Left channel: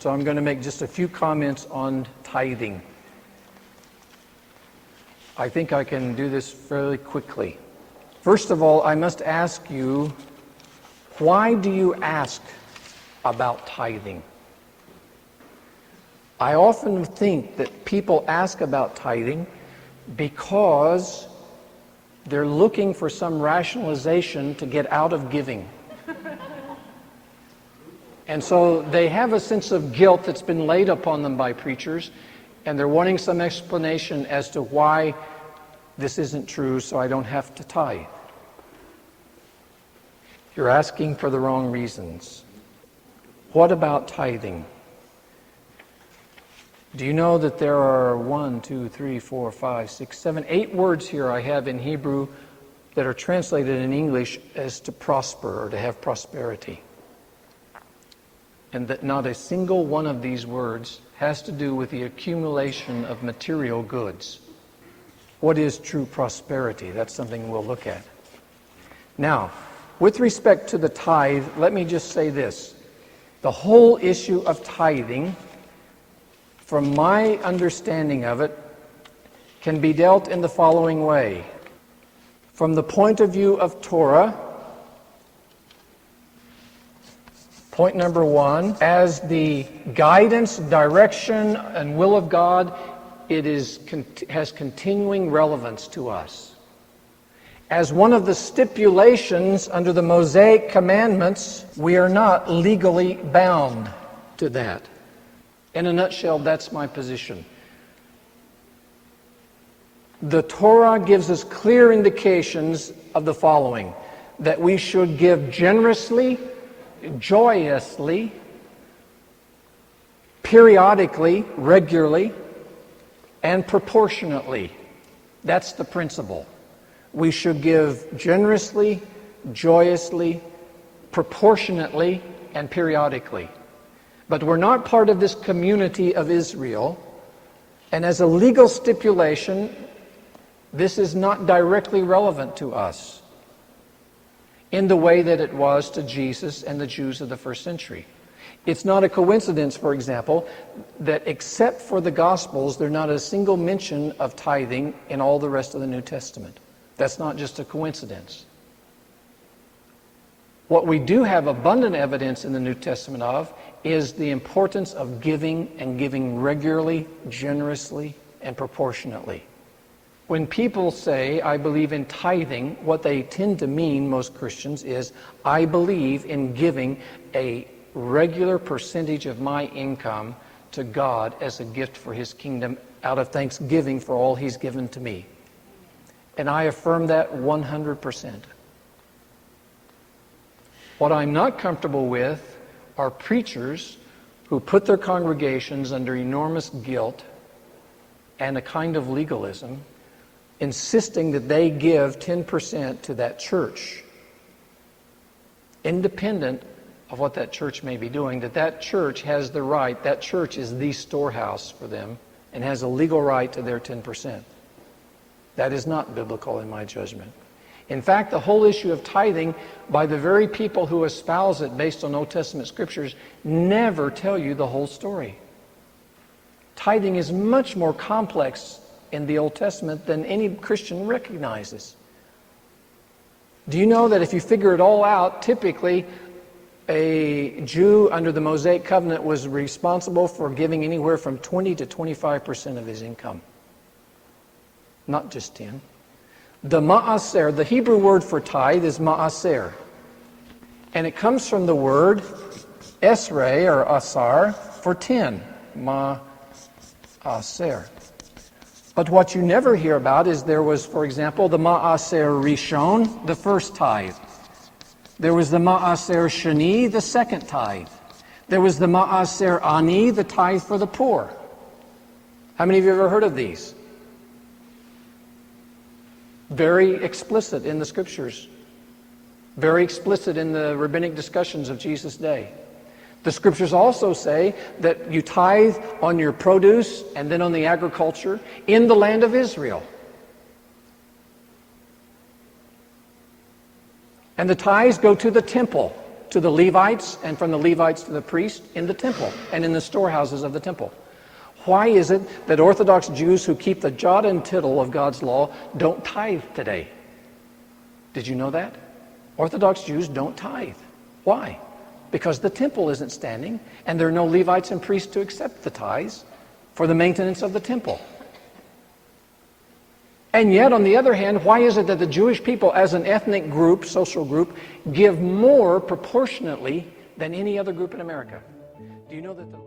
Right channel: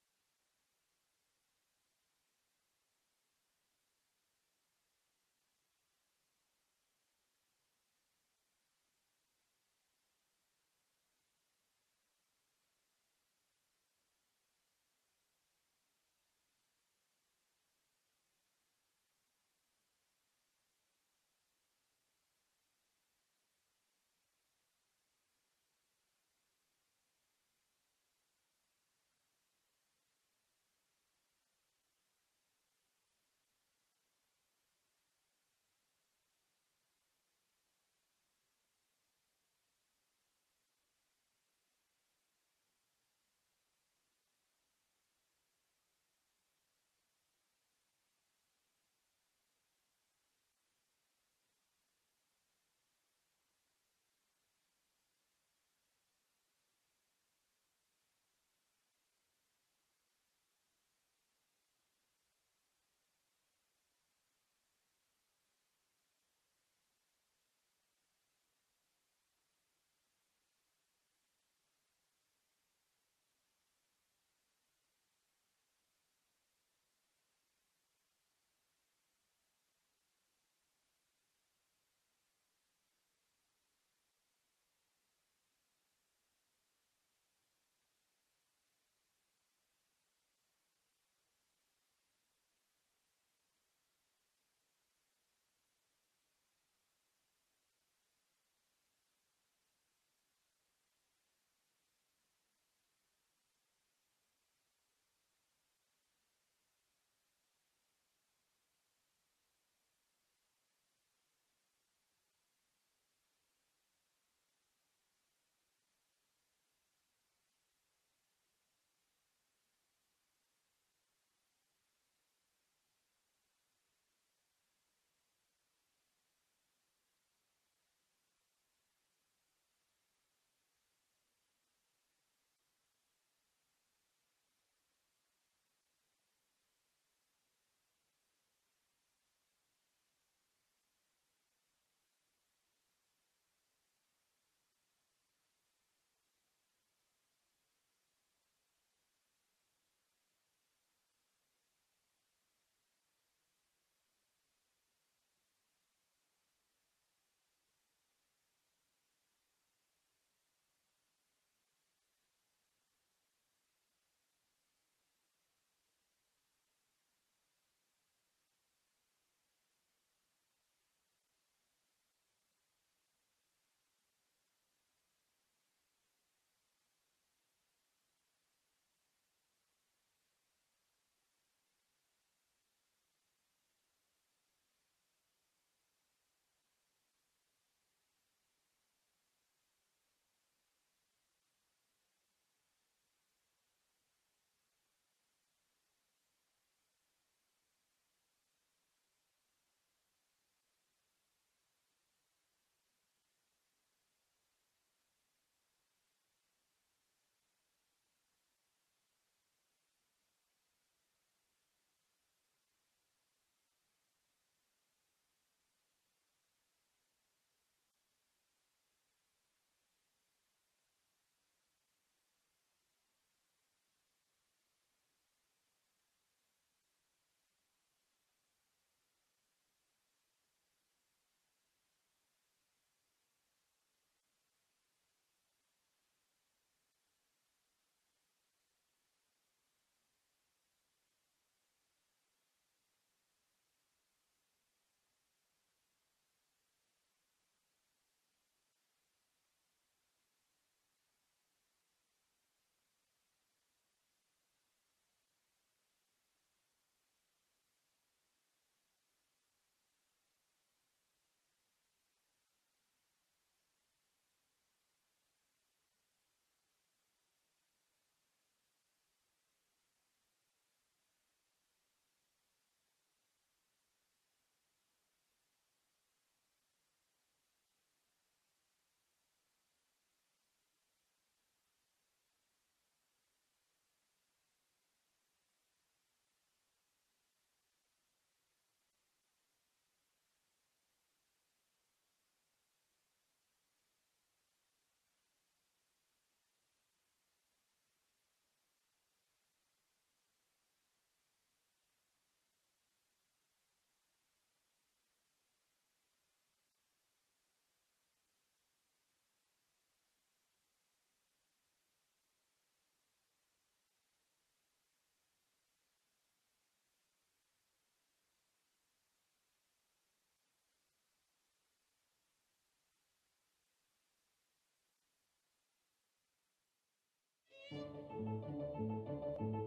So I'm going to make just a few comments on tithing. I think I can do this fairly quickly. First of all, I must ask you, why do you ask about tithing? I often think that people ask about tithing because they're looking for some rationalization to get out of giving. And so they have a sense of guilt that's been laid upon them by preachers, and they're wanting some explanation as to why this isn't true, so I don't have to tithe. You're asking for the wrong reasons. What about tithing? Do you know that there are 8 words here I have in Hebrew that are translated in English as to prosper or to have prosperity? And that not a single one of these words has to do with the accumulation of material goods. What is true prosperity? That's something we'll look at. Now, with respect to the tithe, let me just say this. The whole issue of tithing, from my understanding of it, can be dealt in the following way. From the point of view of Torah, point number 1, as the guidance, direction, and will of God, it has continuing relevance to us. As one of the stipulations under the Mosaic commandments, we are not legally bound to that. In a nutshell, that's my position. The Torah gives us clear indications of the following: that we should give generously, joyously, periodically, regularly, and proportionately. That's the principle. We should give generously, joyously, proportionately, and periodically. But we're not part of this community of Israel, and as a legal stipulation, this is not directly relevant to us in the way that it was to Jesus and the Jews of the first century. It's not a coincidence, for example, that except for the Gospels, there's not a single mention of tithing in all the rest of the New Testament. That's not just a coincidence. What we do have abundant evidence in the New Testament of is the importance of giving, and giving regularly, generously, and proportionately. When people say, I believe in tithing, what they tend to mean, most Christians, is I believe in giving a regular percentage of my income to God as a gift for His kingdom out of thanksgiving for all He's given to me. And I affirm that 100%. What I'm not comfortable with are preachers who put their congregations under enormous guilt and a kind of legalism, insisting that they give 10% to that church, independent of what that church may be doing, that church has the right, that church is the storehouse for them and has a legal right to their 10%. That is not biblical in my judgment. In fact, the whole issue of tithing, by the very people who espouse it based on Old Testament scriptures, never tell you the whole story. Tithing is much more complex in the Old Testament than any Christian recognizes. Do you know that if you figure it all out, typically a Jew under the Mosaic covenant was responsible for giving anywhere from 20 to 25% of his income? Not just 10. The ma'aser, the Hebrew word for tithe is ma'aser. And it comes from the word esrei or asar for 10. Ma'aser. But what you never hear about is there was, for example, the ma'aser rishon, the first tithe. There was the ma'aser sheni, the second tithe. There was the ma'aser ani, the tithe for the poor. How many of you have ever heard of these? Very explicit in the scriptures. Very explicit in the rabbinic discussions of Jesus' day. The scriptures also say that you tithe on your produce and then on the agriculture in the land of Israel. And the tithes go to the temple. to the Levites, and from the Levites to the priests in the temple and in the storehouses of the temple. Why is it that Orthodox Jews who keep the jot and tittle of God's law don't tithe today? Did you know that? Orthodox Jews don't tithe. Why? Because the temple isn't standing, and there are no Levites and priests to accept the tithes for the maintenance of the temple. And yet, on the other hand, why is it that the Jewish people as an ethnic group, social group, give more proportionately than any other group in America? Do you know that the